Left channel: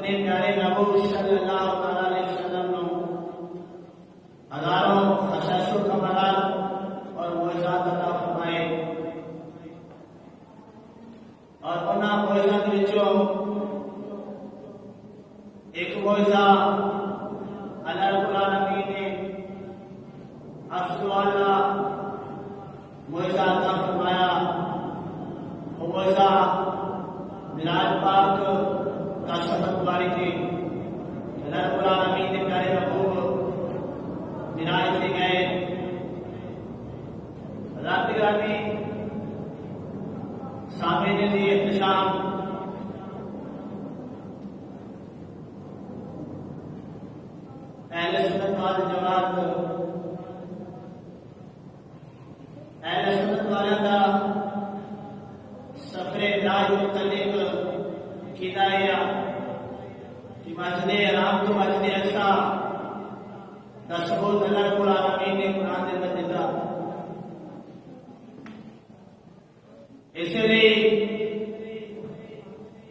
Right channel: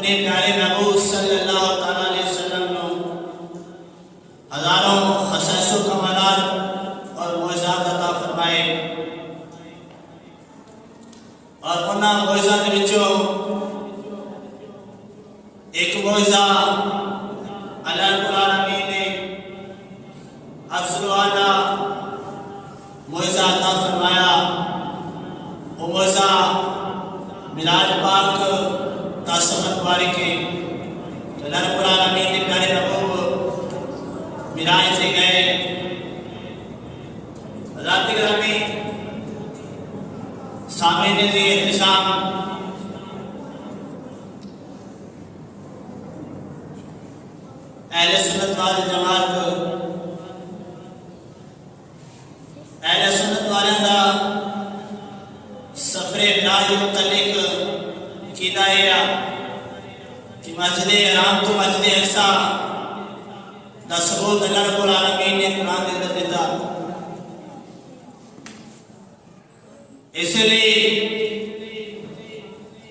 اپنے پیارے محبوب صلی اللہ تعالیٰ علیہ وسلم نے ہزاروں خصائص و کمالات اور معجزات عطا فرمائے اور انہاں معجزات وچوں ایک معجزہ اللہ رب العالمین نے افضل اعلیٰ معجزہ عطا فرمایا۔ وہ معجزہ معراج پاک کا سفر مبارک ہے۔ اللہ رب العالمین نے پیارے محبوب معراج سے گئے۔ حضرات گرامی سامعین ذی احتشام، اہل سنت والجماعت اہل سنت والوں کا سفر معراج متعلق عقیدہ ہے کہ مسجد حرام تو مسجد اقصی دا ثبوت اللہ رب العالمین نے قرآن کے اندر دیتا۔ اس لیے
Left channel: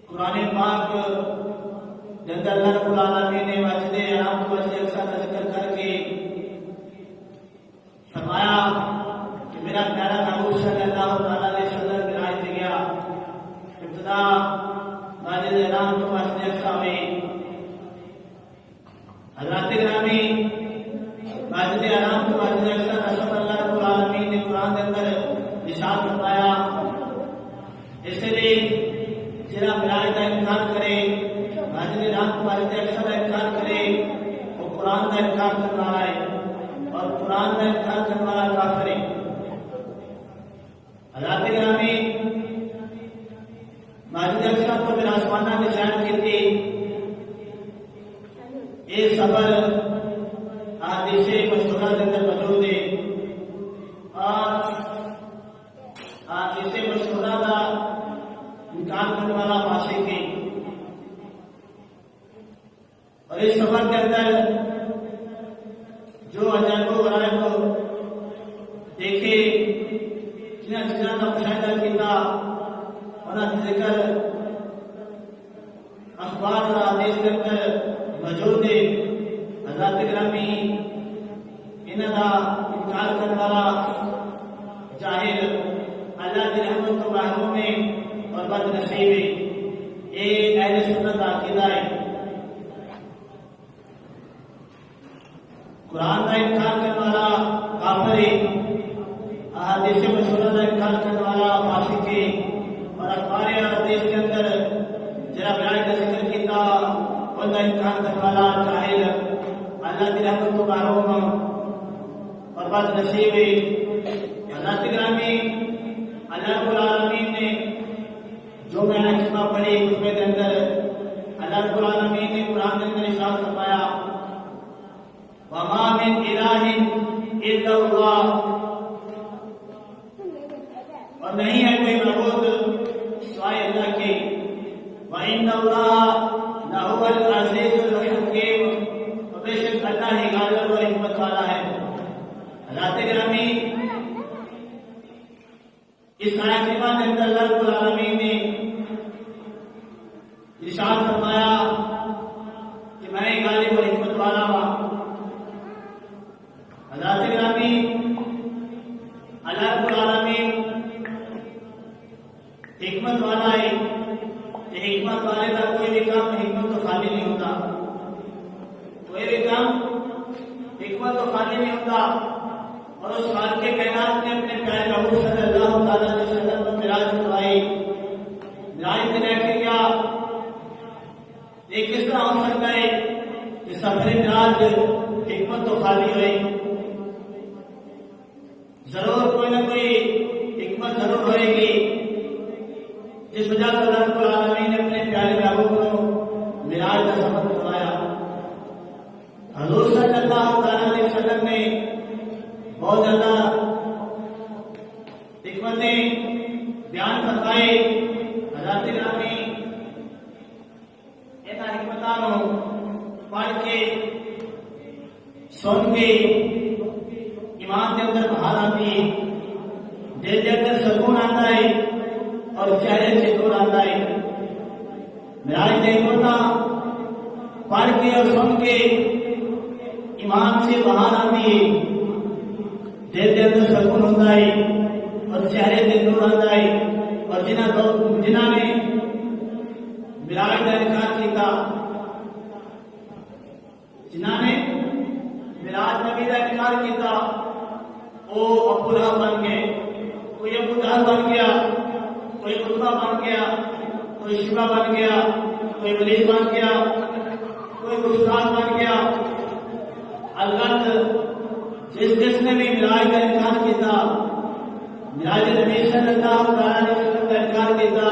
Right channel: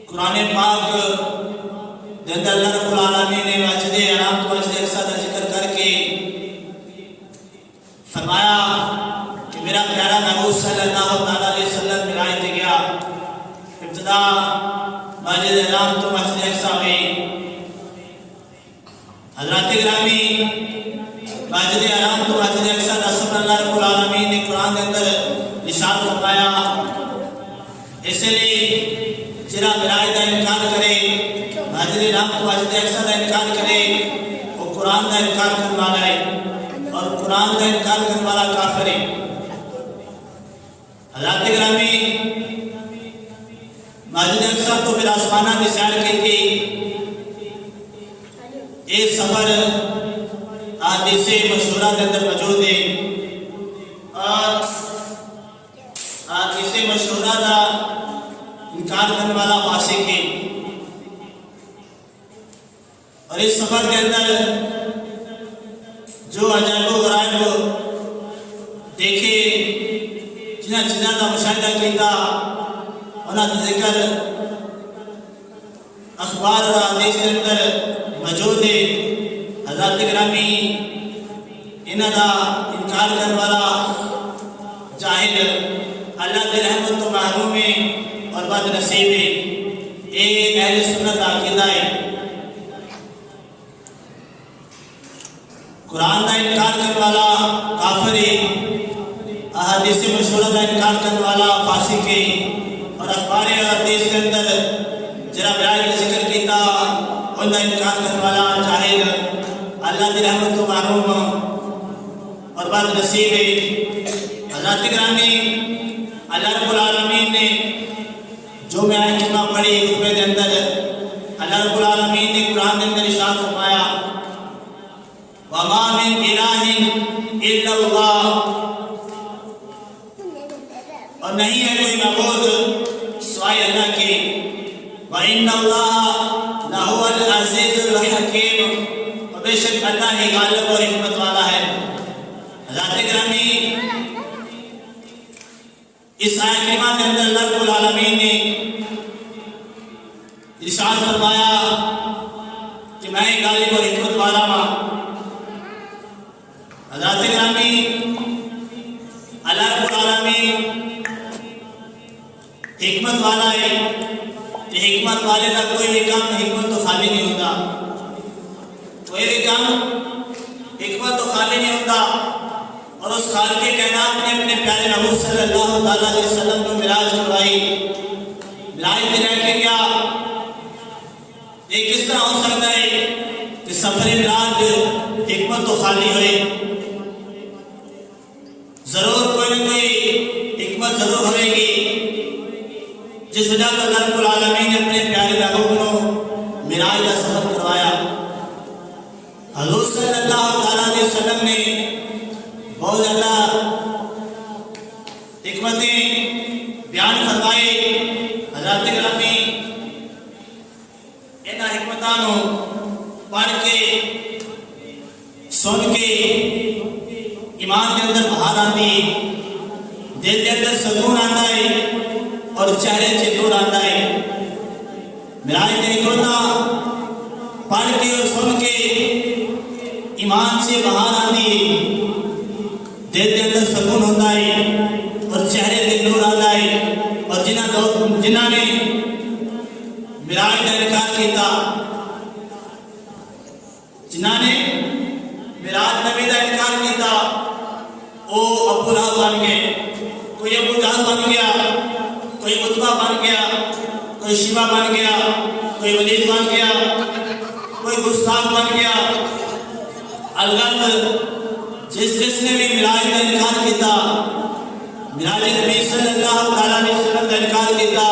قرآن پاک کے اندر اللہ رب العالمین نے مسجد حرام تو مسجد اقصی کا ذکر کر کے فرمایا کہ میرا پیارا محبوب صلی اللہ تعالیٰ علیہ وسلم معراج دے گیا۔ ابتدا مسجد حرام تو مسجد اقصی میں حضرات گرامی مسجد حرام تو مسجد اقصی کا سفر اللہ رب العالمین نے قرآن کے اندر ارشاد فرمایا۔ اس لیے جرا معراج کا انکار کرے، مسجد حرام تو مسجد اقصی کا انکار کرے، وہ قرآن کا انکار کرنے والا ہے اور قرآن کا انکار کرنے والا کافر ہے۔ حضرات گرامی مسجد اقصی تو پھر آسمانہ کی سیر کی تھی۔ یہ سفر حدیث مشہورہ کے اندر موجود ہے اور حدیث مشہورہ کا انکار کرنے والا فاسق ہے۔ اور اس سفر کے اندر جو عجائب و غرائب دیکھے، جنہاں چیزوں کا مشاہدہ کیتا، انہاں کا ذکر اخبار اور حدیث کے اندر موجود ہے۔ حضرات گرامی انہاں کا انکار کرنے والا جاہل اللہ کی رحمت تو محروم ہے اور بد نصیب ہے۔ یہ اہل سنت کا عقیدہ ہے۔ قرآن کا انکار کرنے والا کافر ہے، احادیث مشہورہ کا انکار کرنے والا فاسق ہے اور اخبار حدیث کے اندر جرا معراج کا ذکر کیتا ان کا انکار کرنے والا جاہل اللہ کی رحمت تو محروم اور بد نصیب ہے۔ حضرات گرامی اللہ رب العالمین نے جو معراج کلمہ پڑھی خطبے کے اندر، اللہ رب العالمین نے قرآن کے اندر ارشاد فرمایا وَمَا مِنْ إِلَٰهٍ إِلَّا اللَّهُ، اور نہیں ہے کوئی معبود سوائے اللہ کے، وَإِنَّ اللَّهَ لَهُوَ الْعَزِيزُ الْحَكِيمُ، اور بے شک اللہ ہی غالب اور حکمت والا ہے۔ حضرات گرامی اس آیت کریمہ کے اندر اللہ رب العالمین نے ارشاد فرمایا کہ میں غالب اور حکمت والا ہوں۔ حضرات گرامی اللہ رب العالمین حکمت والا ہے کہ حکمت والے کا کوئی بھی کام حکمت تو خالی نہیں ہوتا، کوئی بھی کام حکمت تو خالی نہیں ہوتا۔ اور اس خالق کائنات نے اپنے پیارے محبوب صلی اللہ تعالیٰ علیہ وسلم کو معراج کروائی۔ معراج میں رہ کے کیا یہ کس طرح ہو سکتا ہے کہ سفر معراج حکمت تو خالی ہوئے؟ ضرور کوئی نہ کوئی حکمت ضرور ہوئے گی جس وجہ سے اللہ رب العالمین نے اپنے پیارے محبوب کو معراج کا سفر کروایا۔ حضور صلی اللہ تعالیٰ علیہ وسلم نے بہت زیادہ حکمتیں بیان فرمائے۔ حضرات گرامی ان حکمتوں پڑھ کے سن کے ایمان کے اندر بہار آتی، دل کے اندر سکون آتا ہے اور چہرے سے نور آتا ہے۔ معراج دیکھو نا جنہاں نے معراج کا انکار کیتا، جنہاں نے معراج نبی کا انکار کیتا، وہ ابو لہب بن گئے، کوئی ابو جہل بن گیا، کوئی عتبہ بن گیا، کوئی شیبہ بن گیا، کوئی ولید بن گیا، کوئی گستاخ بن گیا۔ البتہ جس نے بھی معراج کا انکار کیتا، معراج نبی صلی اللہ علیہ وسلم کا انکار کیتا،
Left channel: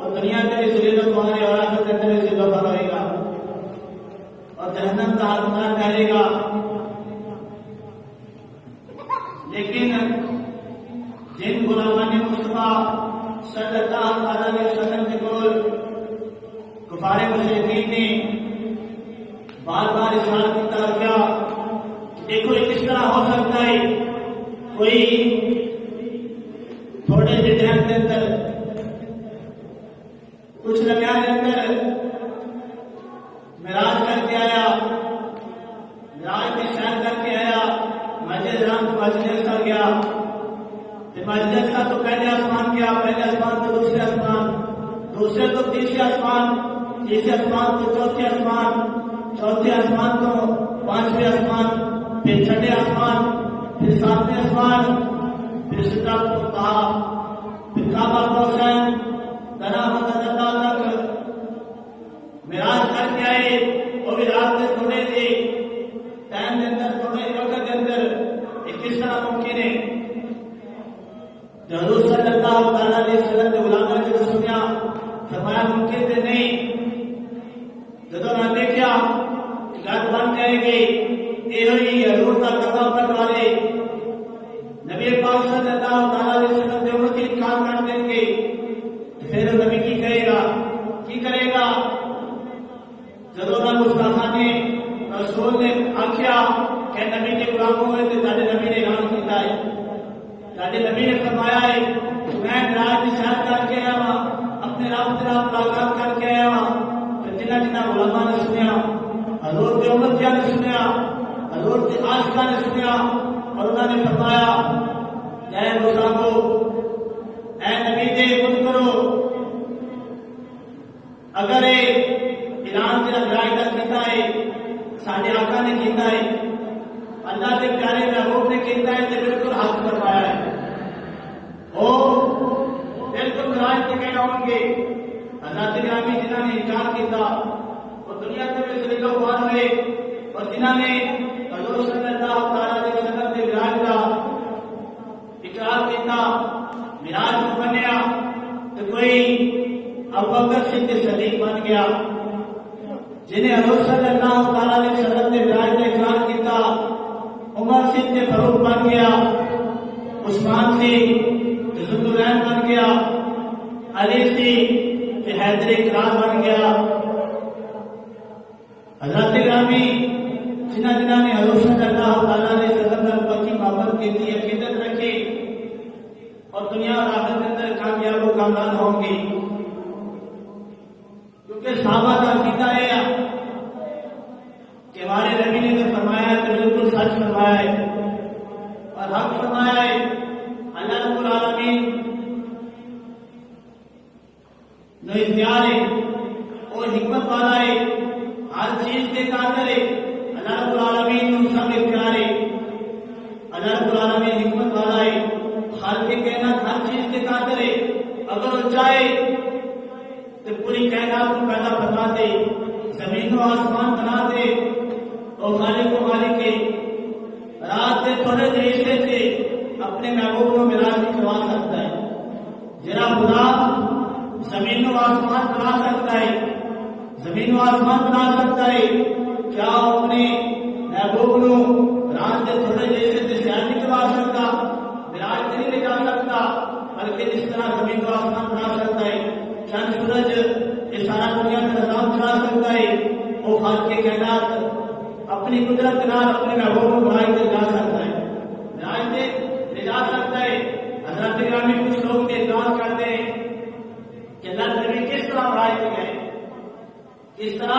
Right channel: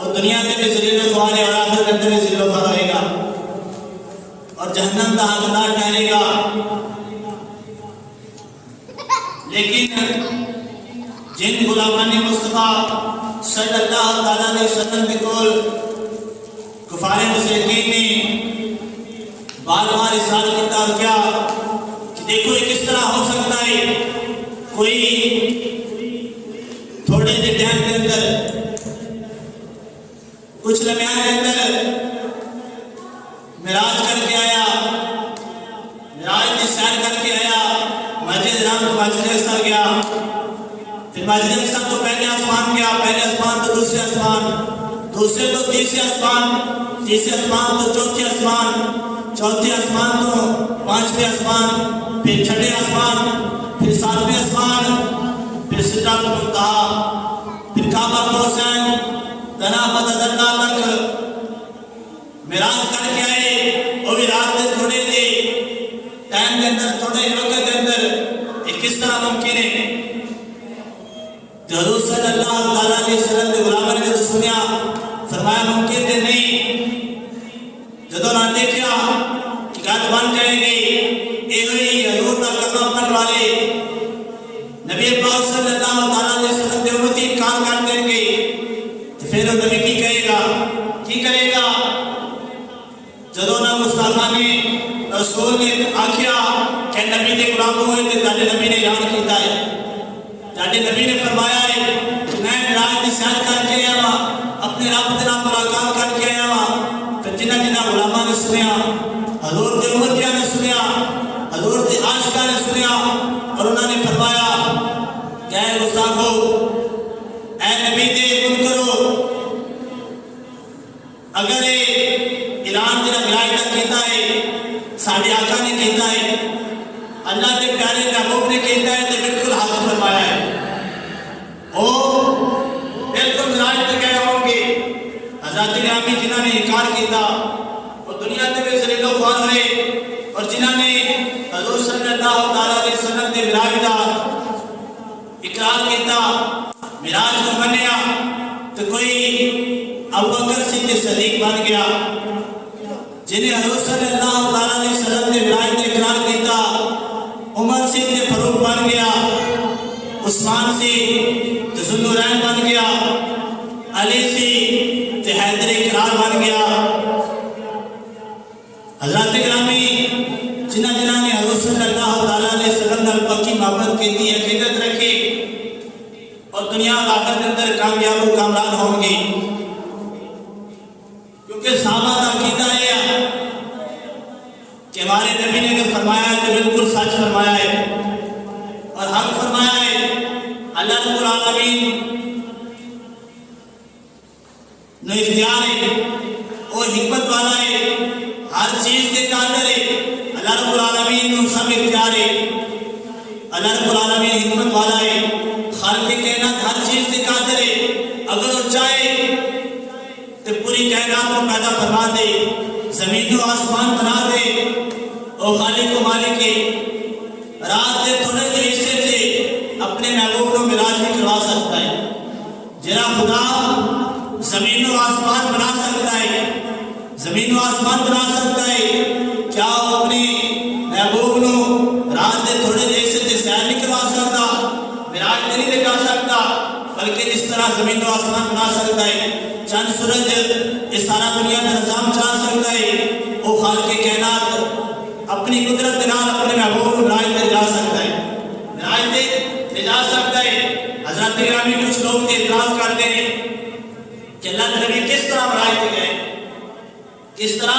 وہ دنیا میں بھی ذلیل و خوار ہے اور آخرت کے اندر بھی ذلیل و خوار ہوئے گا اور جہنم کا حقدار ٹھہرے گا۔ لیکن جن غلامان مصطفیٰ صلی اللہ علیہ وسلم کے کول کفار مشرکین نے بار بار اصرار کیتا کیا کہ دیکھو یہ کس طرح ہو سکتا ہے، کوئی تھوڑے دے ٹائم کے اندر، کچھ لمحہ کے اندر معراج کر کے آیا، معراج کی سیر کر کے آیا، مسجد حرام تو مسجد اقصی گیا، پھر مسجد اقصی تو پہلے آسمان گیا، پہلے آسمان تو دوسرے آسمان، دوسرے تو تیسرے آسمان، تیسرے آسمان تو چوتھے آسمان، چوتھے آسمان تو پانچویں آسمان، پھر چھٹے آسمان، پھر ساتویں آسمان، پھر سدرۃ المنتہا، پھر کعبہ کو حسین تنا مدد اللہ تک معراج کر کے آئے۔ وہ بھی رات کے تھوڑے دے ٹائم کے اندر، تھوڑے وقت کے اندر، یہ کس طرح ممکن ہے؟ حضور صلی اللہ علیہ وسلم کے غلاموں نے تو سنیا، فرمایا ممکن ہے نہیں۔ جب انہوں نے دیکھا کہ گھر بن جائے گی، ایوہی حضور کا کلمہ پڑھنے والے نبی پاک صلی اللہ علیہ وسلم کے امتی انکار کر دیں گے، تو پھر وہ نبی کی کرے گا، کی کرے گا؟ جب انہوں گستاخاں نے رسول نے آکھیا کہ نبی کے غلام ہوئے تھے، تاہے نبی نے اعلان کیتا ہے، تاہے نبی نے فرمایا ہے کہ میں معراج کی سیر کر کے آیا ہوں، اپنے رب کے نام ملاقات کر کے آیا ہوں۔ پھر جنہ غلاماں نے سنیا، حضور کے امتیاں نے سنیا، حضور کے عاشقاں نے سنیا، اور انہوں نے فرمایا کہ اے گستاخو، اے نبی دے منکرو، اگر اعلان تیرا معراج کا کیتا ہے، ساڈے آقا نے کیتا ہے، اللہ کے پیارے محبوب نے کیتا ہے، تو بالکل حق فرمایا ہے۔ وہ بالکل معراج پہ گئے ہوں گے۔ حضرات گرامی جنہوں نے انکار کیتا، وہ دنیا میں بھی ذلیل و خوار ہوئے، اور جنہوں نے حضور صلی اللہ علیہ وسلم کے معراج کا اقرار کیتا، معراج کو منیا، تو کوئی ابوبکر صدیق بن گیا، جنہیں حضور صلی اللہ علیہ وسلم نے معراج کا اقرار کیتا، عمر صدیق فاروق بن گیا، عثمان سے ذوالنورین بن گیا، علی سے حیدر اقرار بن گیا۔ حضرات گرامی جنہاں نے حضور صلی اللہ علیہ وسلم کی محبت کی تھی، عقیدت رکھی، اور دنیا اور آخرت کے اندر کامیاب و کامران ہوں گے، کیونکہ صحابہ کا عقیدہ ہے کہ ہمارے نبی نے اگر فرمایا ہے تو بالکل سچ فرمایا ہے اور حق فرمایا ہے۔ اللہ رب العالمین نو اختیار ہے، وہ حکمت والا ہے، ہر چیز کے قادر ہے۔ اللہ رب العالمین نو سب اختیار ہے، اللہ رب العالمین حکمت والا ہے، خالق کائنات ہر چیز کے قادر ہے۔ اگر وہ چاہے تو پوری کائنات کو پیدا فرما دے، زمین و آسمان بنا دے۔ وہ خالق و مالک ہے، رات کے تھوڑے سے حصے سے اپنے محبوب کو معراج بھی کروا سکتا ہے۔ جرا خدا زمین و آسمان بنا سکتا ہے، زمین و آسمان بنا سکتا ہے، کیا وہ اپنے محبوب نو رات کے تھوڑے سے حصے سے سیر نہیں کروا سکتا، معراج میں نہیں لے جا سکتا؟ بلکہ جس طرح زمین و آسمان بنا سکتا ہے، چند سورج اس سارا دنیا کا نظام چلا سکتا ہے، وہ خالق کائنات اپنی قدرت کے نال اپنے محبوب کو معراج میں جا سکتا ہے، معراج میں لے جا سکتا ہے۔ حضرات گرامی کچھ لوگ اعتراض کرتے ہیں کہ اللہ کے نبی کس طرح معراج پہ گئے، کس طرح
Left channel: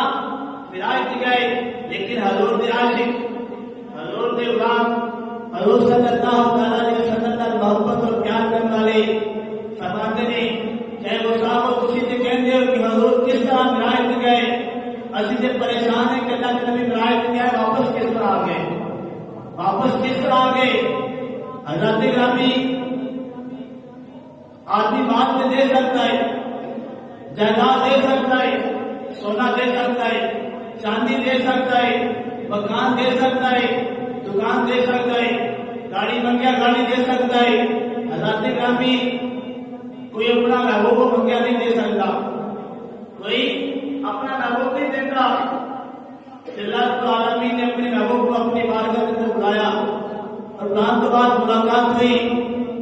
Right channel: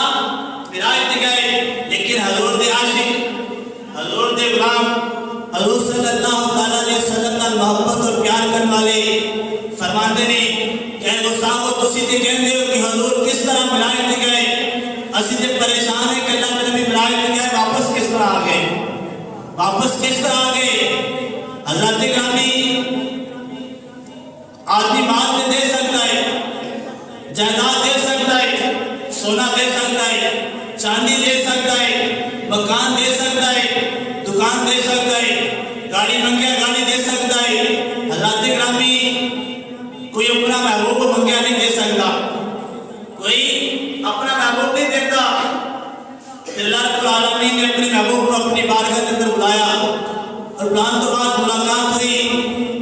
معراج پہ گئے، لیکن حضور دے عاشق، حضور دے غلام، حضور صلی اللہ علیہ وسلم کا محبت اور پیار کرنے والے فرماتے ہیں جائیداد دے سکتا ہے، سونا دے سکتا ہے، چاندی دے سکتا ہے، مکان دے سکتا ہے، دکان دے سکتا ہے، گاڑی منگیا گاڑی دے سکتا ہے۔ حضرات گرامی، کوئی اپنا محبوب منگیا نہیں دے سکتا، کوئی اپنا محبوب نہیں دیتا۔ اللہ رب العالمین نے اپنے محبوب کو اپنی بارگاہ کے اندر بلایا اور بلانے تو بعد ملاقات ہوئی۔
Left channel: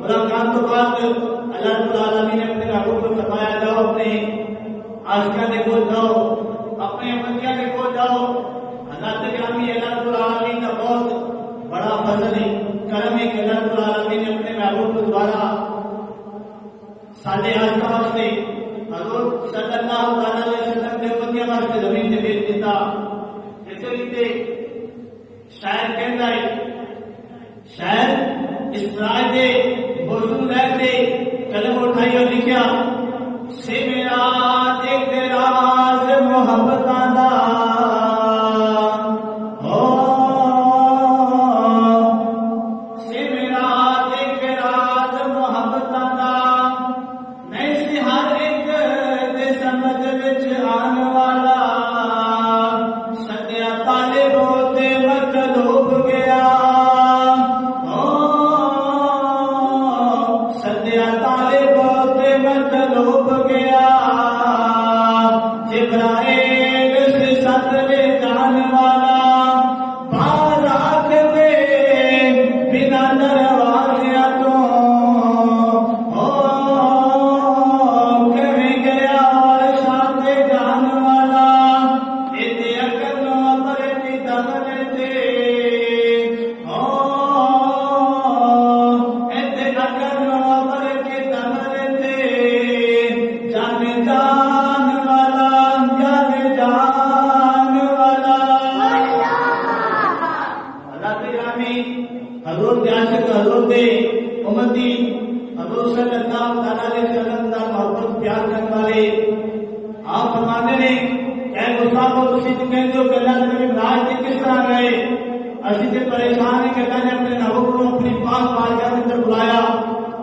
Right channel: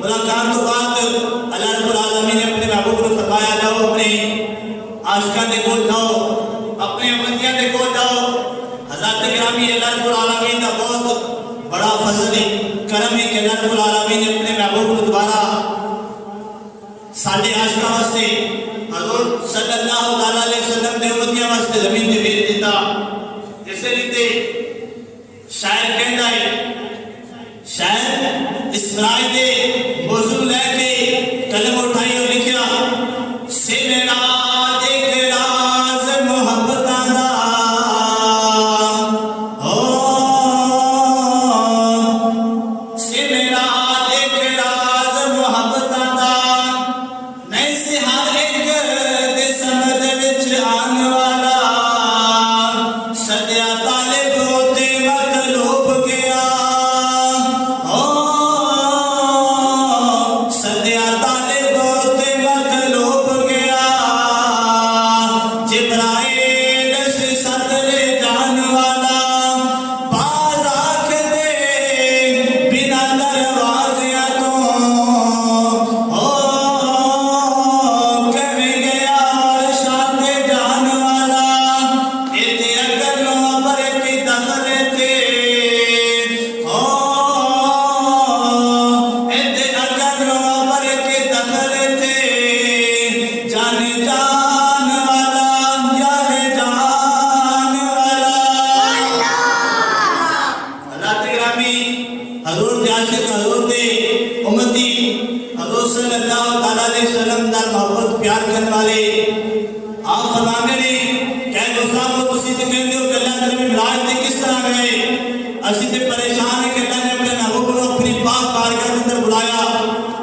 ملاقات تو بعد اللہ رب العالمین نے اپنے محبوب کو فرمایا جاؤ اپنے عاشقاں دے کول جاؤ، اپنے امتیاں دے کول جاؤ۔ حضرات گرامی، اللہ رب العالمین کا بہت بڑا فضل ہے، کرم ہے کہ اللہ رب العالمین نے اپنے محبوب کو دوبارہ ساڈے عاشقاں واسطے حضور صلی اللہ علیہ وسلم دے امتیاں واسطے زمین تے بھیج دیتا۔ اسے لیے شاعر کہندا ہے، شاعر اسرائے دے موضوع لے کے قلم اٹھائی اور لکھیا، سے میرا ایک راز محبتاں دا ہو، سے میرا ایک راز محبتاں دا نہیں سی ہر ایک دے سمجھ وچ آن والا، سدیا طالب ہوتے مطلوب گیا، سدیا طالب ہوتے مطلوب گیا، جبرائیل سے سد لے جان والا، باز آنکھ دے بنا دروازیاں تو کہیں گیا اور شاد جان والا، ایتے اکلوں پر کی دخل تے ایتے اکلوں پر کی دخل تے، جان جان والا، جان جان والا۔ اللہ گرامی، حضور دے عاشق، حضور دے امتی، حضور صلی اللہ علیہ وسلم دا محبت پیار کرنے والے آپ فرمانے نے کہ گستاخو تسی تے کہندے ہو کہ اللہ نے نبی معراج تے کس طرح گئے، اسی تے پریشان ہیں کہ اللہ نے اپنے محبوب کو اپنی پاک بارگاہ کے اندر بلایا،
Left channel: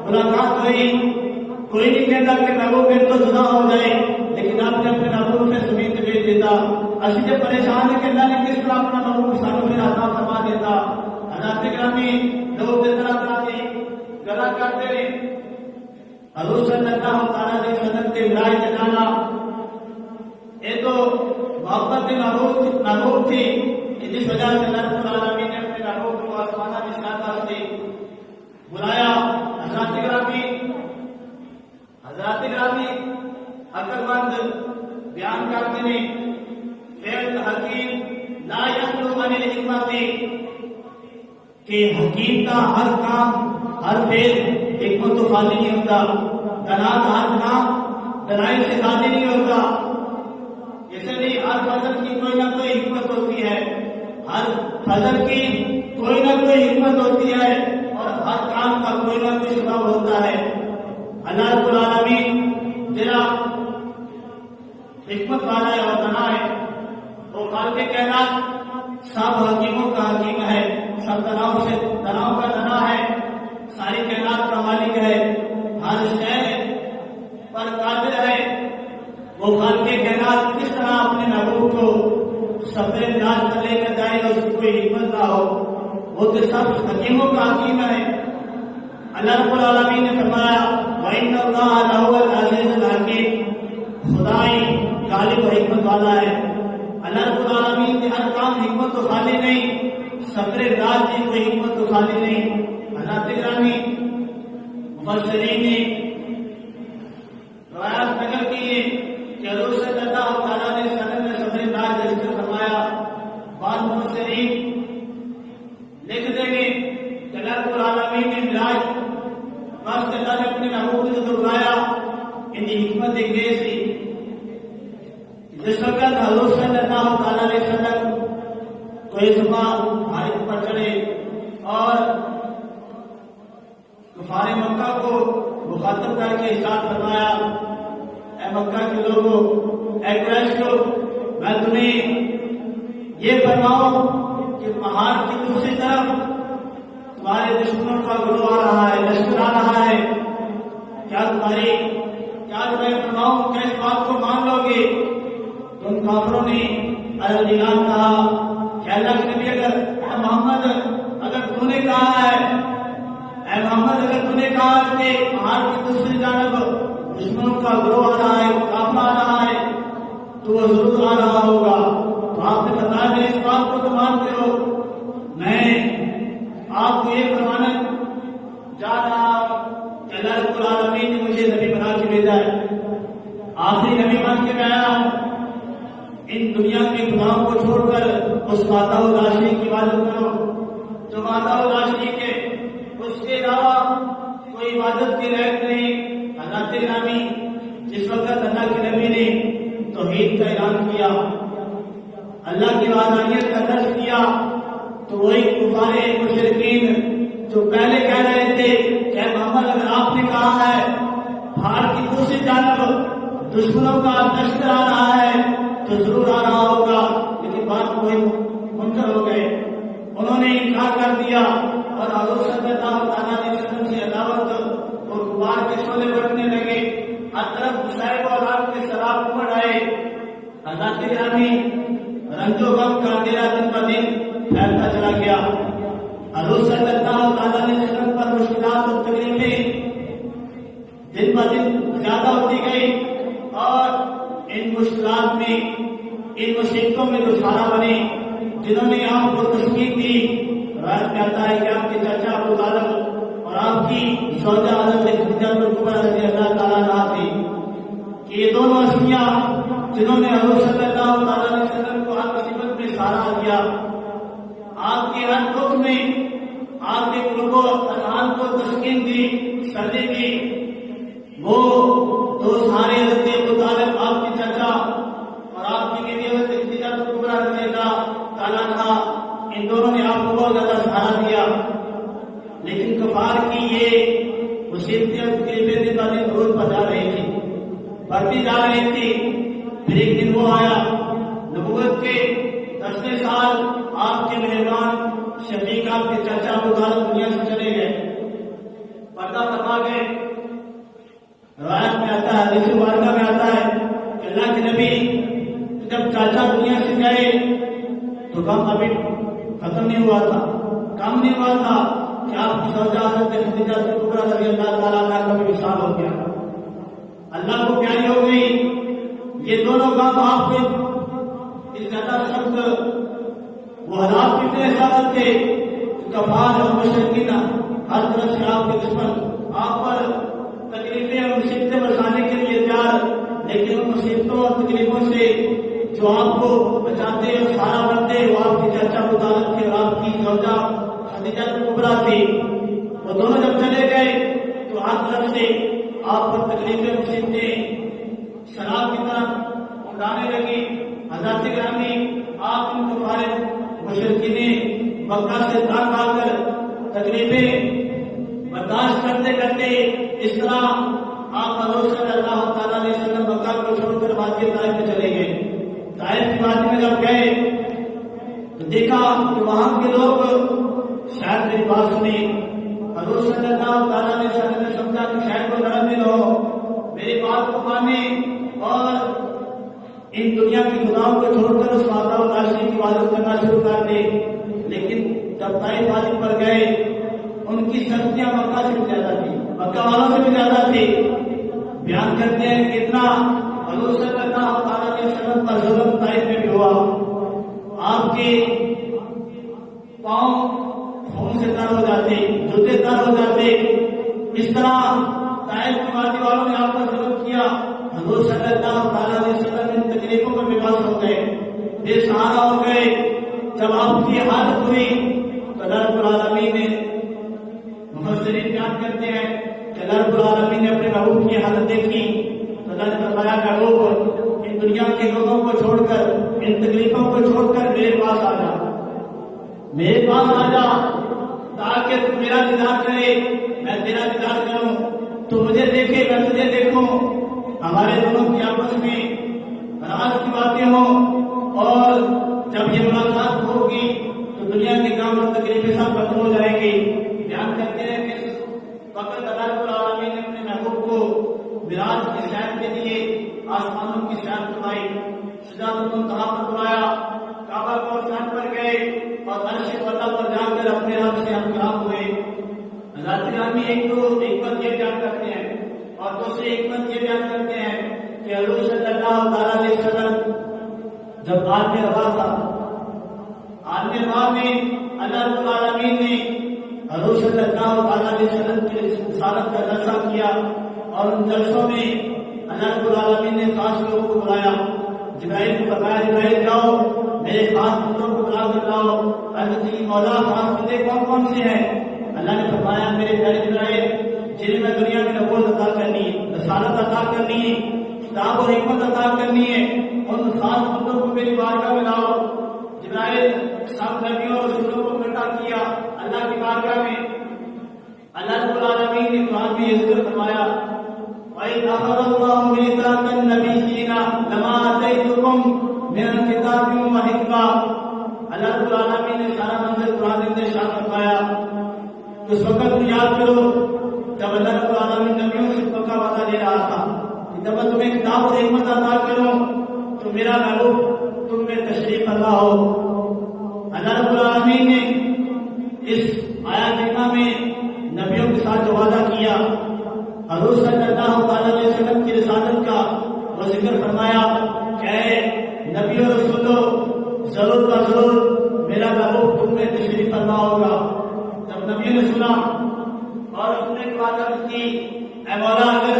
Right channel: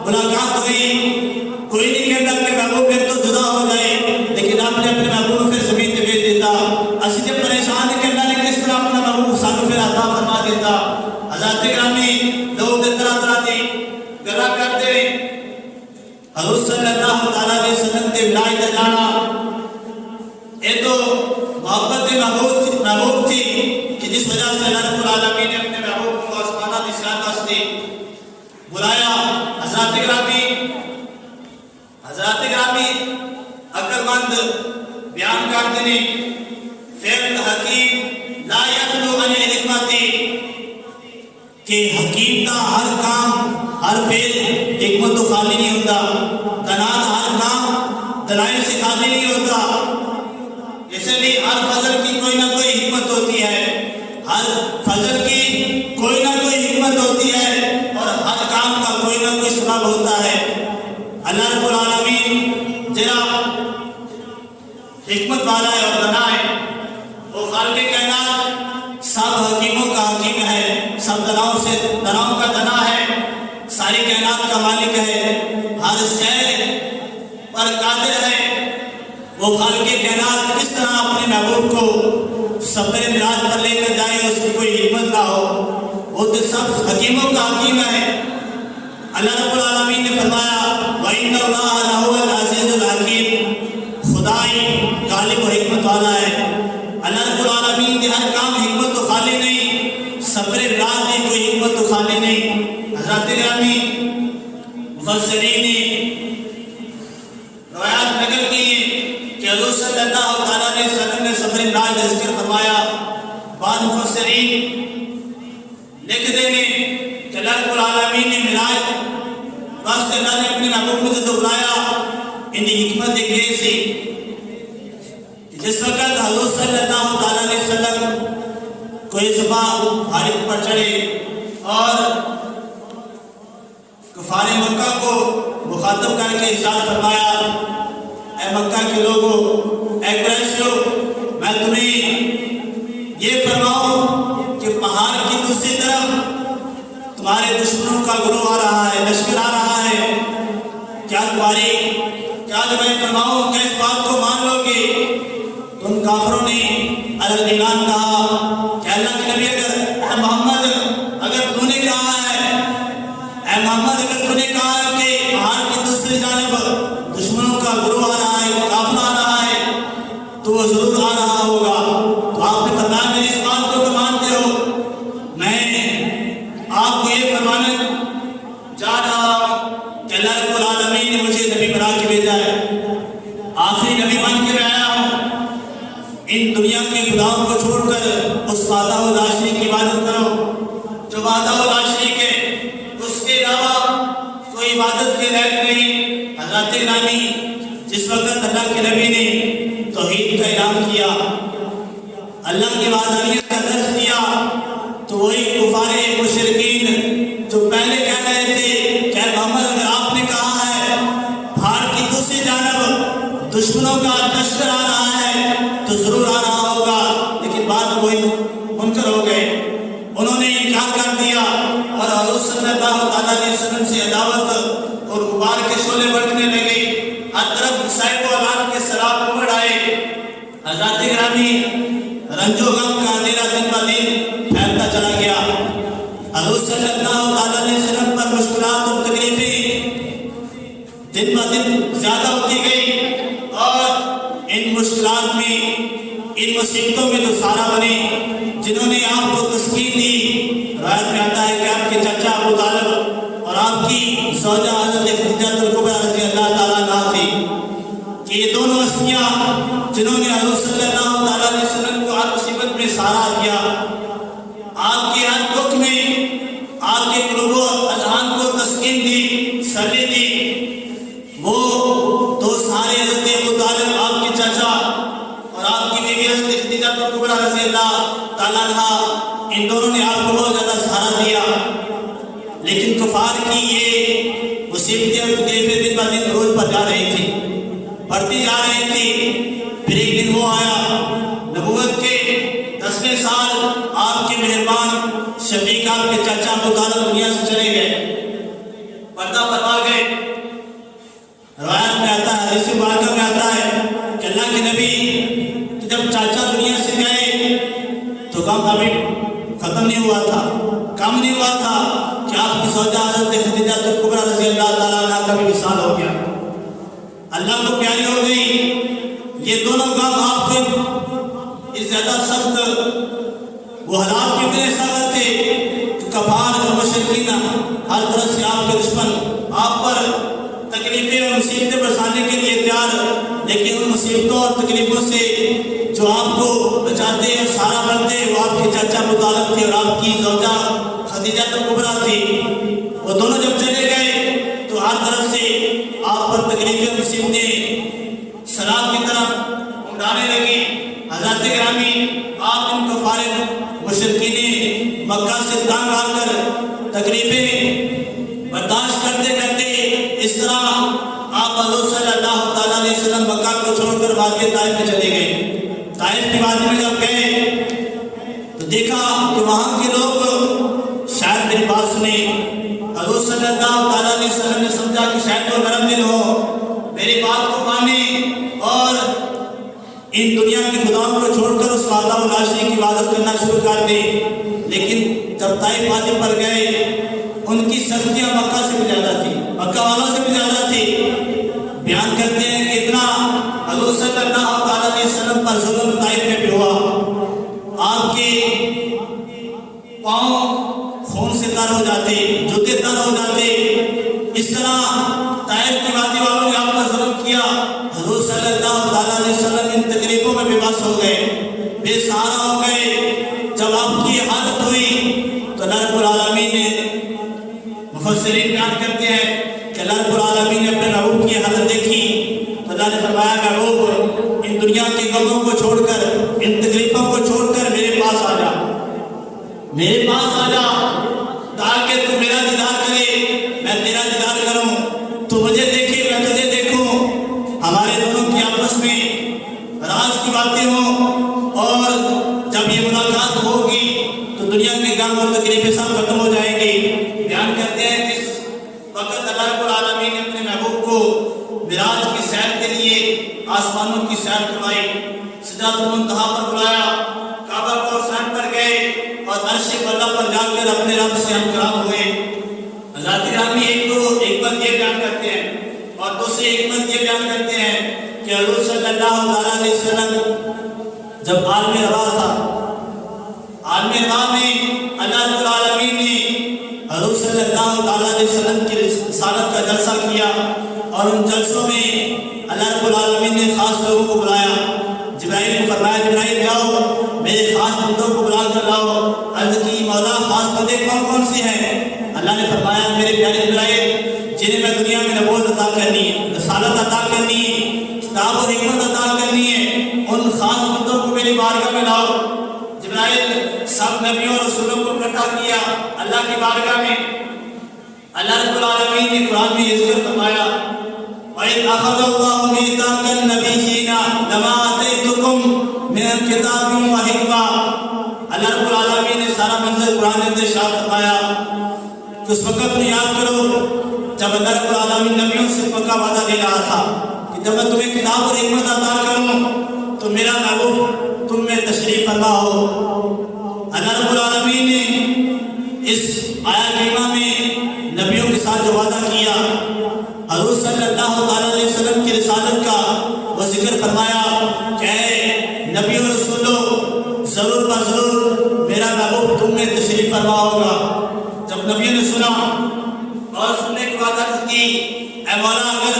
ملاقات ہوئی۔ کوئی نہیں کہتا کہ محبوب میرے تو جدا ہو جائے، لیکن آپ نے اپنے محبوب کو پھر زمین تے بھیج دیتا۔ اسی تے پریشان ہیں کہ اللہ نے کس طرح اپنا محبوب سانو پھر عطا فرما دیتا۔ حضرات گرامی، لوگ طرح طرح دی گلاں کرتے ہیں، حضور صلی اللہ علیہ وسلم کے ولایت تے جانا یہ تو محبت محبوب تھی کہ جس وجہ سے اللہ رب العالمین نے اپنے محبوب کو آسمانہ کی سیاحت واسطے بلایا۔ حضرات گرامی عقل مند بیان کرتے ہیں، فعل حکیم لا یخلو عن الحکمت، کہ حکیم کا ہر کام ہر فعل حکمت تو خالی نہیں ہوتا، دنا کا ہر کام دلائل سے خالی نہیں ہوتا۔ اس لیے ہر فضل کی کوئی نہ کوئی حکمت ہوتی ہے، ہر فضل کی کوئی نہ کوئی حکمت ہوتی ہے، اور ہر کام کا کوئی نہ کوئی سبب ہوتا ہے۔ اللہ رب العالمین جرا حکمت والا ہے اور دنا ہے، وہ خالق کائنات سب حکیموں کا حکیم ہے، سب دناؤں کا دنا ہے، ساری کائنات کا مالک ہے، ہر شے پر قادر ہے۔ وہ خالق کائنات کس طرح اپنے محبوب کو سفر معراج پر لے کر جائے، اس کی کوئی حکمت نہ ہو، وہ تو سب حکیموں کا حکیم ہے۔ اللہ رب العالمین نے فرمایا وَإِنَّ اللَّهَ لَهُوَ الْعَزِيزُ الْحَكِيمُ، خدائی غالب و حکمت والا ہے۔ اللہ رب العالمین کے ہر کام حکمت تو خالی نہیں، سفر معراج کی کوئی حکمت تو خالی نہیں۔ حضرات گرامی، مفسرین نے روایات نقل کی کہ حضور صلی اللہ علیہ وسلم نے سفر معراج کا ذکر فرمایا۔ بعض مفسرین لکھ دیں گے کہ اللہ رب العالمین نے معراج واسطے اللہ نے اپنے محبوب کو جو بلایا، ان کی حکمت ایک یہ سی کہ جس وقت حضور صلی اللہ علیہ وسلم کوئی زبان حارث پر چڑھے اور کفار مکہ کو مخاطب کر کے ارشاد فرمایا، اے مکہ کے لوگوں، اے قریش لوگ، میں تمہیں یہ فرماؤں کہ پہاڑ کی دوسری طرف تمہارے دشمنوں کا گروہ آ رہا ہے، لشکر آ رہا ہے، کیا تمہیں فرماؤں کہ اس بات کو مان آخری نبی بن کے میں آیا ہوں، ان دنیا کے خداؤں کو چھوڑ کر اس وحدہ لا شریک کی عبادت کرو جو وحدہ لا شریک ہے، اس کے علاوہ کوئی عبادت کے لائق نہیں۔ حضرت گرامی جس وقت اللہ کے نبی نے توحید کا اعلان کیا، اللہ کی وحدانیت کا درس دیا، تو وہی کفار مشرکین جو پہلے کہہ رہے تھے کہ محمد اگر آپ نے کہا ہے پہاڑ کی دوسری جانب دشمنوں کا لشکر آ رہا ہے تو ضرور آ رہا ہوگا، لیکن بعد میں وہی منکر ہو گئے، انہوں نے انکار کر دیا اور حضور صلی اللہ علیہ وسلم سے عداوت اور غبار کے شعلے بڑھنے لگے، ہر طرف صاحب و اعلان کے سراب امڑ آئے۔ حضرات گرامی رنج و غم کا اندھیرا دن ب دن پھیلتا چلا گیا، حضور صلی اللہ علیہ وسلم پر مشکلات اور تکلیفیں دن ب دن زیادہ ہوتی گئی، اور ان مشکلات میں ان مصیبتوں میں جو سارا بنے جنہوں نے آپ کو تسکین دی، روایت میں آتا ہے کہ آپ کے چچا ابو طالب اور آپ کی زوجہ حضرت خدیجہ الکبریٰ رضی اللہ تعالیٰ عنہا تھی، کہ یہ دونوں ہستیاں جنہوں نے حضور صلی اللہ علیہ وسلم کو ہر مصیبت میں سہارا کیا، آپ کے ہر دکھ میں آپ کے قلوب و اذہان کو تسکین دی، سرلی دی، وہ دو سارے حضرت ابو طالب آپ کے چچا اور آپ کی بیوی حضرت خدیجہ الکبریٰ رضی اللہ تعالیٰ عنہا، ان دونوں نے آپ کو بہت زیادہ سہارا دیا، لیکن کفار کی یہ مصیبتیں اور تکلیفیں دن ب دن روز بڑھ جا رہی تھی، بڑھتی جا رہی تھی۔ پھر ایک دن وہ آیا، نبوت کے 10ویں سال آپ کے مہربان شفیق آپ کے چچا ابو طالب دنیا سے چلے گئے، پردہ فرما گئے۔ روایت میں آتا ہے، حدیث مبارکہ میں آتا ہے کہ اللہ کے نبی جب چاچا دنیا سے گئے تو غم ابھی ختم نہیں ہوا تھا، کم نہیں ہوا تھا کہ آپ کی زوجہ حضرت خدیجہ الکبریٰ رضی اللہ تعالیٰ عنہا کا بھی وصال ہو گیا، اللہ کو پیاری ہو گئی۔ یہ دونوں غم آپ کو اس زیادہ سخت، وہ حالات بھی اتنے سخت تھے کہ کفار اور مشرکین ہر طرح سے آپ کے دشمن آپ پر تکلیفیں اور مصیبتیں برسانے کے لیے تیار، لیکن ان مصیبتوں اور تکلیفوں سے جو آپ کو بچاتے اور سہارا بنتے وہ آپ کے چچا ابو طالب تھے اور آپ کی زوجہ خدیجہ الکبریٰ تھی۔ وہ دونوں جب چلے گئے تو ہر طرف سے آپ پر تکلیفیں اور مصیبتیں سراب کی طرح اڑانے لگی۔ حضرات گرامی آپ ان کفار مشرکین مکہ سے تانگ آ کر تکلیفیں برداشت کرتے کرتے اس طرح آپ حضور صلی اللہ علیہ وسلم مکہ کو چھوڑ کر وادی طائف میں چلے گئے۔ طائف کی وادی میں جب گئے تو دیکھا کہ وہاں کے لوگ شاید میری بات سنیں، حضور صلی اللہ علیہ وسلم نے سمجھا کہ شاید وہ نرم دل ہو، میری بات کو مانے اور ان دنیا کے خداؤں کو چھوڑ کر اس وحدہ لا شریک کی عبادت کرنا شروع کر دے۔ لیکن جب طائف وادی پر گئے ان کی سختیاں مکہ سے بھی زیادہ تھی، مکہ والوں سے بھی زیادہ تھی۔ بیان کرتے ہیں کہ اتنا حضور صلی اللہ علیہ وسلم پر ظلم طائف میں بھی ہوا، آپ کے پاؤں خون سے تر ہو جاتے، جوتے تر ہو جاتے، اس طرح طائف کی وادی والوں نے آپ پر ظلم کیا۔ حضور صلی اللہ علیہ وسلم ان تکلیفوں میں بے بس ہو گئے، بے سہارا ہو گئے۔ جب آپ کی حالت ہوئی تو اللہ رب العالمین نے، مفسرین بیان کرتے ہیں کہ اللہ رب العالمین نے اپنے محبوب کی حالت دیکھی تو اللہ نے فرمایا محبوب ان دنیا کے غموں کو چھوڑ کر، ان تکلیفوں کو چھوڑ کر میرے پاس آ جا، میرے پاس آ جا تاکہ تو میرا دیدار کرے، میں تیرا دیدار کروں، تو مجھے دیکھے میں تجھے دیکھوں، ہمارے دونوں کی آپس میں راز کی باتیں ہوں، اور جب یہ ملاقات ہوگی تو دنیا کے غم اور تکلیفیں سب ختم ہو جائیں گی۔ بیان کرتے ہیں کہ اس وقت اللہ رب العالمین نے اپنے محبوب کو معراج کی سیر کے لیے آسمانوں کی سیر کروائی، سدرۃ المنتہا پر بلایا، کعبہ کو سیر پر گئے اور عرش بالا پر جا کر اپنے رب سے ہمکلام ہوئے۔ حضرات گرامی ایک بات یہ بیان کرتے ہیں اور دوسری ایک بات یہ بیان کرتے ہیں کہ حضور صلی اللہ علیہ وسلم جب عالم روا تھا، عالم روا میں اللہ رب العالمین نے حضور صلی اللہ علیہ وسلم کی رسالت کا جلسہ کیا، اور ان جلسوں میں اللہ رب العالمین نے خاص النبيين لما آتيتكم من الكتاب وحكمة. اللہ رب العالمین نے سارا منظر قرآن میں ارشاد فرمایا کہ اس وقت میں یاد کرو جب اللہ رب العالمین نبیوں سے پکا وعدہ دے رہا تھا کہ جب میں تمہیں کتاب اور حکمت عطا کروں تو میرا محبوب تم میں تشریف فرما ہو. اللہ رب العالمین نے اس آیا کریمہ میں نبیوں کے ساتھ جو وعدہ کیا حضور صلی اللہ علیہ وسلم کی رسالت کا وہ ذکر فرمایا کہ اے نبی و رسولو ضرور بضرور میرا محبوب تم میں تشریف فرما ہوگا. جب نبیوں نے سنا اور سننے کی بات عرض کی اے مولا اگر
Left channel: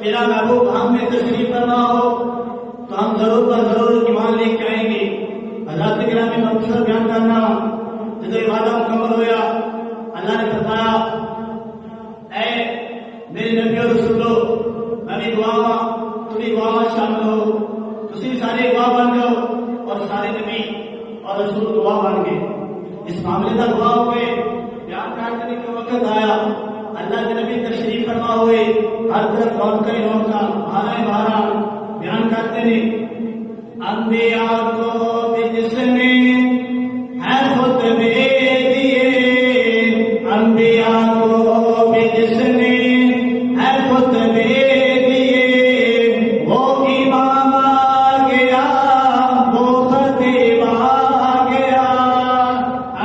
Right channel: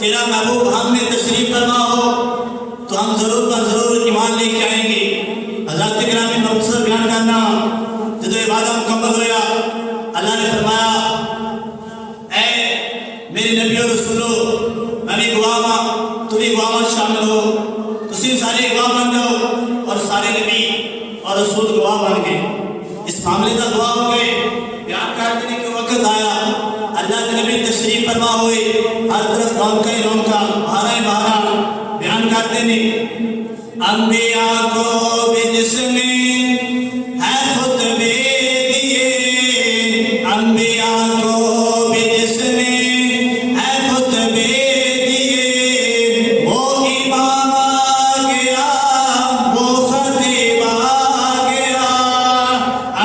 تیرا محبوب ہم میں تشریف فرما ہو تو ہم ضرور بضرور ایمان لے کے آئیں گے. حضرت گرامی مختصر بیان کرنا جب یہ وعدہ مکمل ہوا اللہ نے فرمایا اے میرے نبی اور رسولو میں بھی گواہ ہوں تو بھی گواہ شامل ہو. تسی سارے گواہ بن جاؤ اور سارے نبی اور رسول گواہ بن گئے. اس معاملے کا گواہ ہو گئے. بیان کرنے کے وقت آیا اللہ کے نبی تشریف فرما ہوئے ہر طرف رونقیں ہی رونقاں بہاریں بہاراں بیان کرتے ہیں انبیاء کو بھی جس نے ہے خطبے دیے انبیاء کو بھی جس نے ہے خطبے دیے وہ امام آ گیا وہ خطیب آ گیا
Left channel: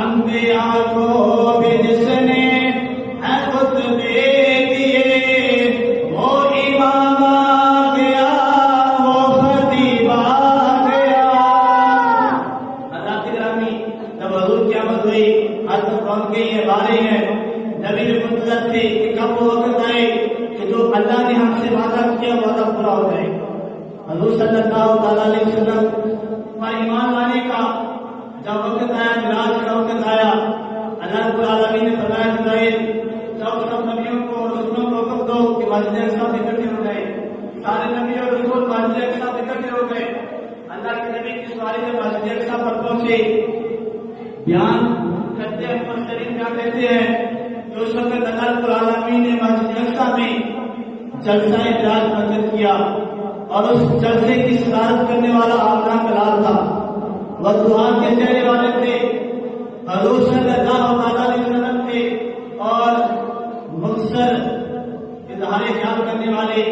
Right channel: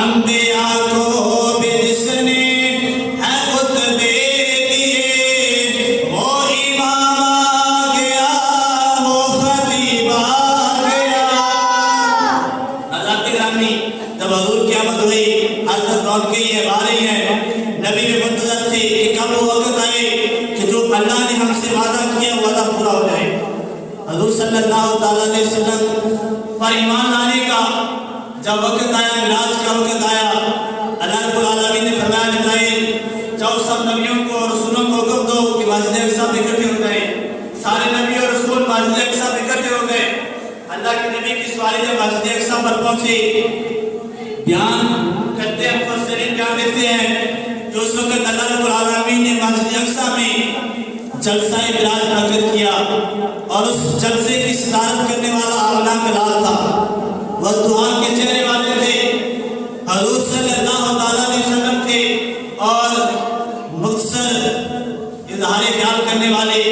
انبیاء کو بھی جس نے ہے خطبے دیے وہ امام آ گیا وہ خطیب آ گیا. حضرت گرامی جب حضور کی آمد ہوئی ہر طرف رونقیں ہی ہیں بہاریں ہیں. نبی بھی منتظر تھے کہ کب وہ وقت آئے کہ جو اللہ نے ہم سے وعدہ کیا وعدہ پورا ہو جائے. حضور صلی اللہ علیہ وسلم پر ایمان لانے کا جب وقت آیا معراج کا وقت آیا اللہ رب العالمین نے فرمایا جبرائیل جاؤ سب نبیوں کو اور رسولوں کو حکم دو کہ مسجد اقصی میں اکٹھے ہو گئے. سارے نبی اور رسول مسجد اقصی میں اکٹھے ہو گئے. اللہ کے نبی کی سواری جب مسجد اقصی پر پہنچے بیان کرتے ہیں مفسرین بیان دیتے ہیں کہ اس وقت اللہ رب العالمین نے مسجد اقصی میں جلسہ معراج منعقد کیا اور اس جلسے کی صدارت کرنے والا آقا کلال تھا. وہ دعا کے چہرے والے تھے حضور صلی اللہ علیہ وسلم تھے اور مختصر اظہار خیال کرنے والے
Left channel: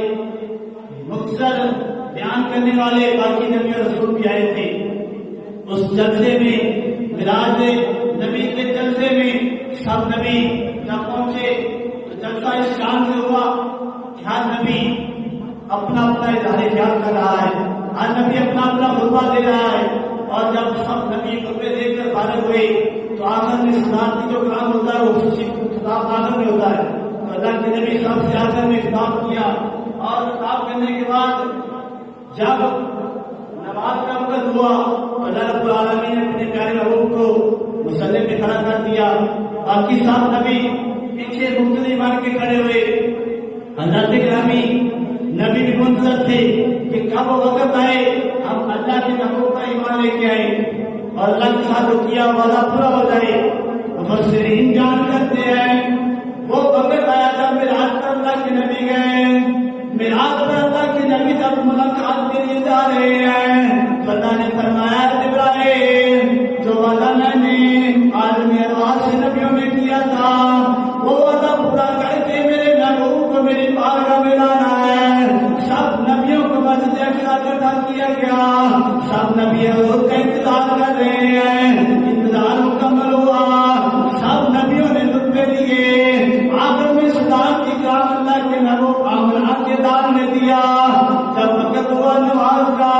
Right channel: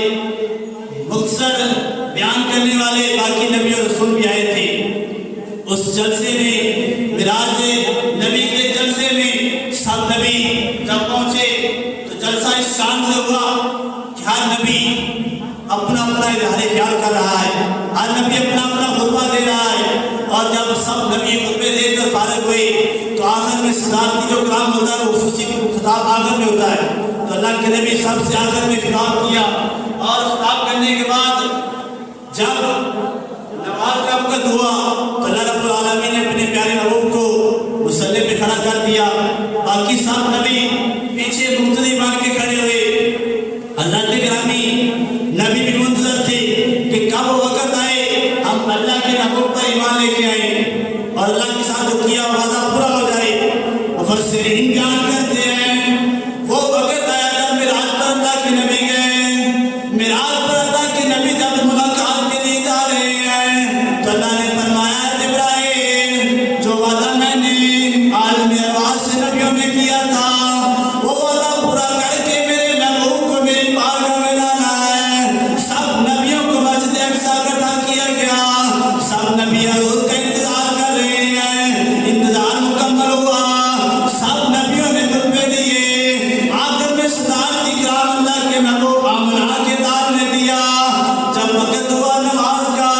مختصر بیان کرنے والے باقی نبی اور رسول بھی آئے تھے. اس جلسے میں معراج نبی کے جلسے میں سب نبی جب پہنچے تو جلسہ اس شان سے ہوا کہ ہر نبی اپنا اپنا اظہار خیال کر رہا ہے. ہر نبی اپنا اپنا خطبہ دے رہا ہے. اور جب سب نبی خطبے دے کر فارغ ہوئے تو آخر میں صدارتی جو کام ہوتا ہے وہ خصوصی خطاب آخر میں ہوتا ہے. تو اللہ کے نبی سب سے آخر میں خطاب کیا اور خطاب کرنے کے بعد جب نماز کا وقت ہوا تو اللہ رب العالمین نے اپنے پیارے محبوب کو مصلی پہ کھڑا کر دیا. باقی سب نبی پیچھے مقتدی مان کے کھڑے ہوئے. حضرت گرامی نبی بھی منتظر تھے کہ کب وہ وقت آئے ہم اللہ کے محبوب پر ایمان لے کے آئے اور اللہ کے ساتھ جو کیا وعدہ پورا ہو جائے. مفسرین بیان کرتے ہیں وہ وقت آیا جب معراج پر اللہ کے نبی گئے. معراج پر اللہ کے نبی جب ملاقات کے لیے جا رہے ہیں تو اللہ نے فرمایا جبرائیل جو وعدہ میں نے عالم ارواح سے نبیوں میں کیا تھا وہ وعدہ پورا کر کے میرے محبوب کو میری بارگاہ میں لانا ہے. سب نبیوں کو مسجد اقصی اکٹھا کیا گیا. سب نبی حضور کا انتظار کر رہے ہیں. انتظار مکمل ہوا. سب نبیوں نے خطبے دیے. آخر میں صدارتی کرام اللہ کے محبوب آمنہ کے دار نے دیا. جب وقت ہوا نماز کا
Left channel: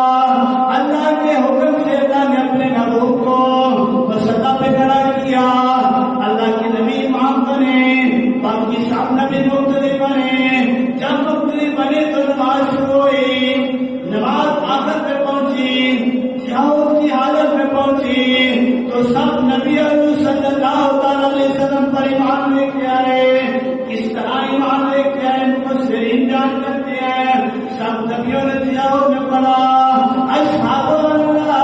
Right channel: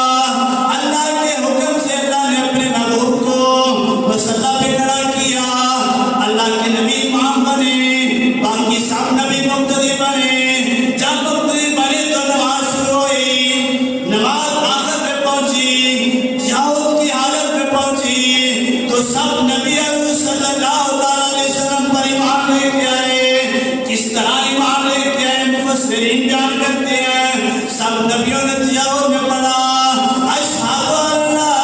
اللہ کے حکم سے اللہ نے اپنے محبوب کو مصلی پہ کھڑا کیا. اللہ کے نبی امام بنے باقی سب نبی مقتدی بنے. جب مقتدی بنے تو نماز شروع ہوئی. نماز آخر میں پہنچی تشہد کی حالت میں پہنچی تو سب نبی حضور صلی اللہ علیہ وسلم پر ایمان لے کے آئے. کس طرح ایمان لے کے آئے مفسرین بیان کرتے ہیں سب نبیوں نے تشہد میں پڑھا اشہد ان لا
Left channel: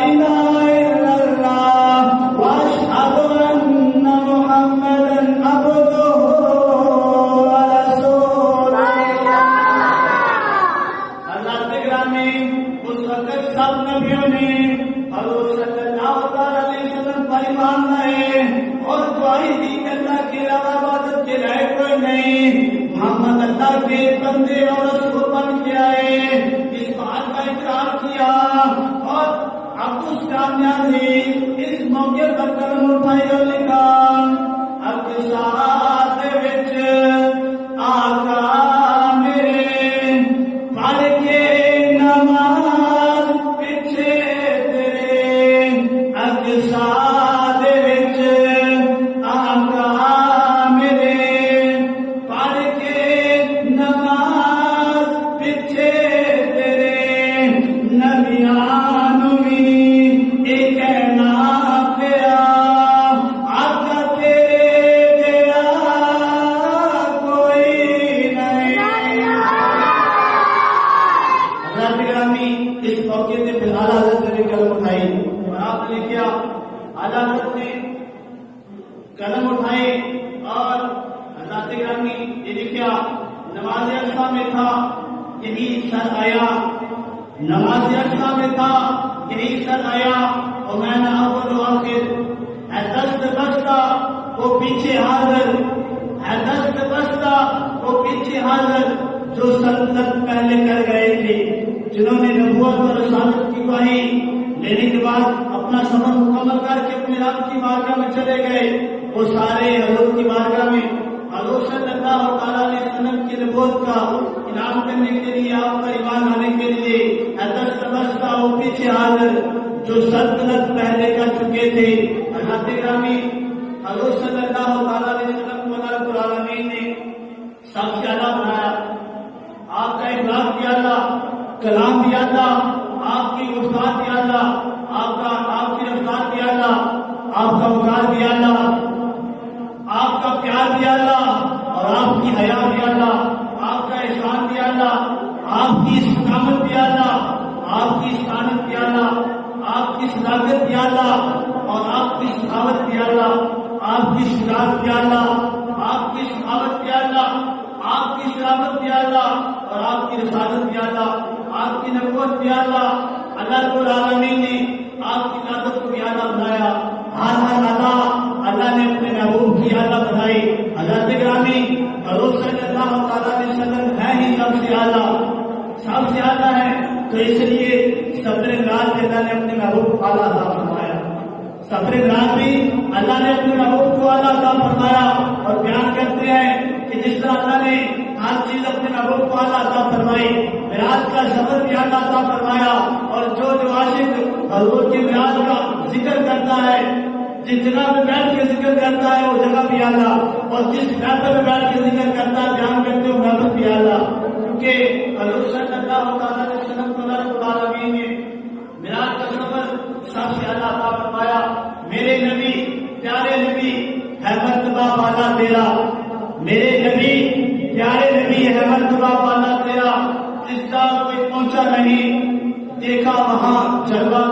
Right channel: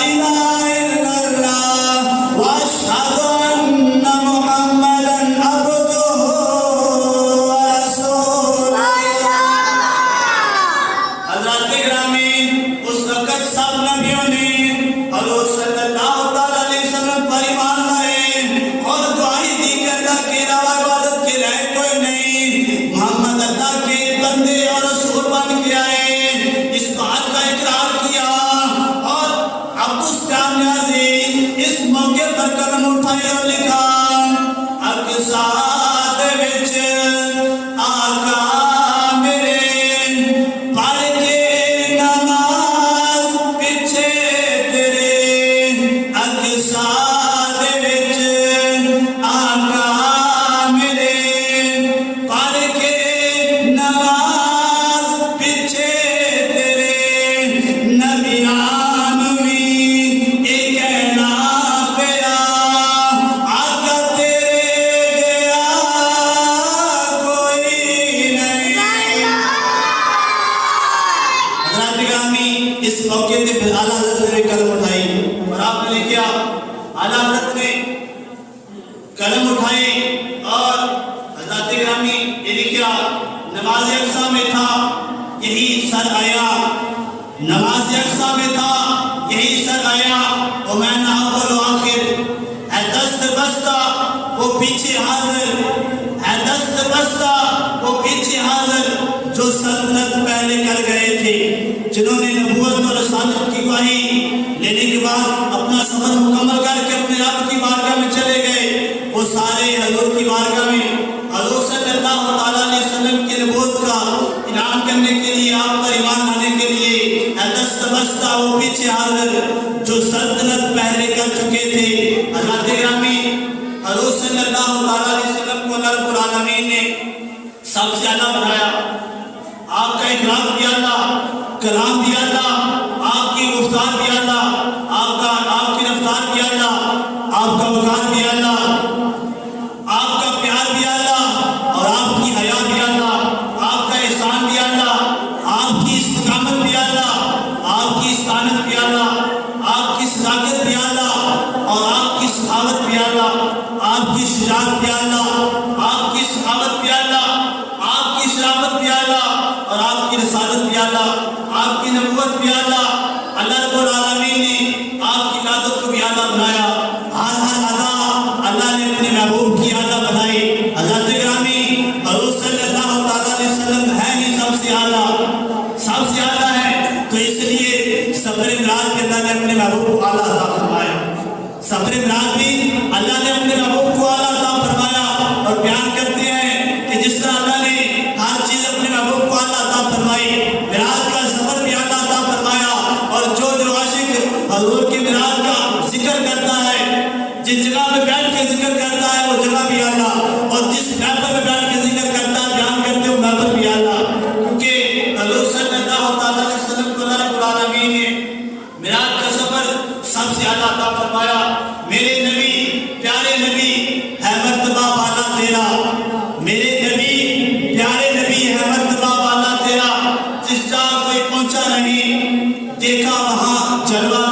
الہ الا اللہ واشہد ان محمدا عبدہ ورسولہ. حضرت حضرات گرامی اس وقت سب نبیوں نے حضور صلی اللہ علیہ وسلم پر ایمان لائے اور گواہی دی کہ اللہ کے علاوہ عبادت کے لائق کوئی نہیں، محمد اللہ کے بندے اور رسول بن کے آئے، اس بات کا اقرار کیا۔ اور عبدالس نیازی اس موقع پر قدم اٹھائے اور لکھا اقصا دے وچ آقا میرے پڑھ کے نماز پیچھے تیرے، اقصا دے وچ آقا میرے پڑھ کے نماز پیچھے تیرے، نبیاں نوں وی یہ کہنا پیا آقا تیرے کوئی نہیں۔ حضرات گرامی اس موقع پہ پھر اعلیٰ حضرت نے قلم اٹھائی اور آپ نے کیا اعلیٰ حضرت نے قلم اٹھائی اور حضرات گرامی یہ لکھا نماز اقصا میں تھا یہی سر آیا، نماز اقصا میں تھا یہی سر آیا، اور میں نہ اول و آخر ہے دست بستہ وہ پیچھے حاضر، ہے دست بستہ وہ پیچھے حاضر جو سلطنت پہلے کر گئے تھے، جنہوں نے نبوت اور رسالت کی گواہی لینے کے بعد اپنا سفر مکمل کر کے اپنے رب کی بارگاہ میں چلے گئے، وہ سارے حضور کی بارگاہ میں حضور صلی اللہ علیہ وسلم کی نبوت کا انعام کرنے کے لیے، آپ پر ایمان لانے کے لیے ہے دست بستہ وہ پیچھے حاضر جو سلطنت پہلے کر چکے تھے۔ حضرات گرامی حضور صلی اللہ علیہ وسلم کو اللہ رب العالمین نے سب سے اعلیٰ بنایا، آپ کا اخلاق بھی اعلیٰ، کلام بھی اعلیٰ، آپ کی گفتار بھی اعلیٰ، آپ کی رفتار بھی اعلیٰ، آپ کا وقار بھی اعلیٰ، آپ کا پیار بھی اعلیٰ، اور آپ کی حیا بھی اعلیٰ، آپ کا احسان بھی اعلیٰ، آپ کی استقامت بھی اعلیٰ، آپ کی استقامت بھی اعلیٰ، آپ کی صداقت بھی اعلیٰ، اور آپ کی سخاوت بھی اعلیٰ، آپ کی شجاعت بھی اعلیٰ، آپ کی سخاوت بھی اعلیٰ، آپ کی شرافت بھی اعلیٰ، اور آپ کی رسالت بھی اعلیٰ، آپ کی نبوت بھی اعلیٰ۔ اللہ رب العالمین نے آپ کی قیادت کو بھی اعلیٰ بنایا، ہر ادا اللہ نے اپنے محبوب کی اعلیٰ بنائی۔ حضرات گرامی حضور صلی اللہ علیہ وسلم ہے ہی سب سے اعلیٰ، سب سے اعلیٰ ہے، تو اس لیے سفر معراج کے اللہ نے اپنے محبوب کو اعلیٰ عطا فرمایا، سفر معراج بھی اللہ نے اپنے محبوب کو اعلیٰ عطا فرمایا، اور بیان کرتے ہیں کہ جس طرح اللہ نے ہر چیز اپنے محبوب کو اعلیٰ عطا فرمائی، معراج کا سفر بھی اعلیٰ عطا فرمایا، اور جو عاشق حضور کے معراج کا ذکر کرتا ہے، جس جگہ میں بیٹھ کے ذکر کرتا ہے وہ جگہ بھی اعلیٰ، اور جس محفل میں بیٹھ کے ذکر کرتا ہے بیان کرتے وہ محفل بھی اعلیٰ، کیونکہ حضور صلی اللہ علیہ وسلم کو اللہ رب العالمین نے معراج کا سفر سب سے اعلیٰ عطا فرمایا۔ میرے نبی پیارے نبی ہے مرتبہ والا تیرا، میرے نبی پیارے نبی ہے مرتبہ والا تیرا، جس جگہ کوئی پہنچا نہیں دیکھا وہاں جلوہ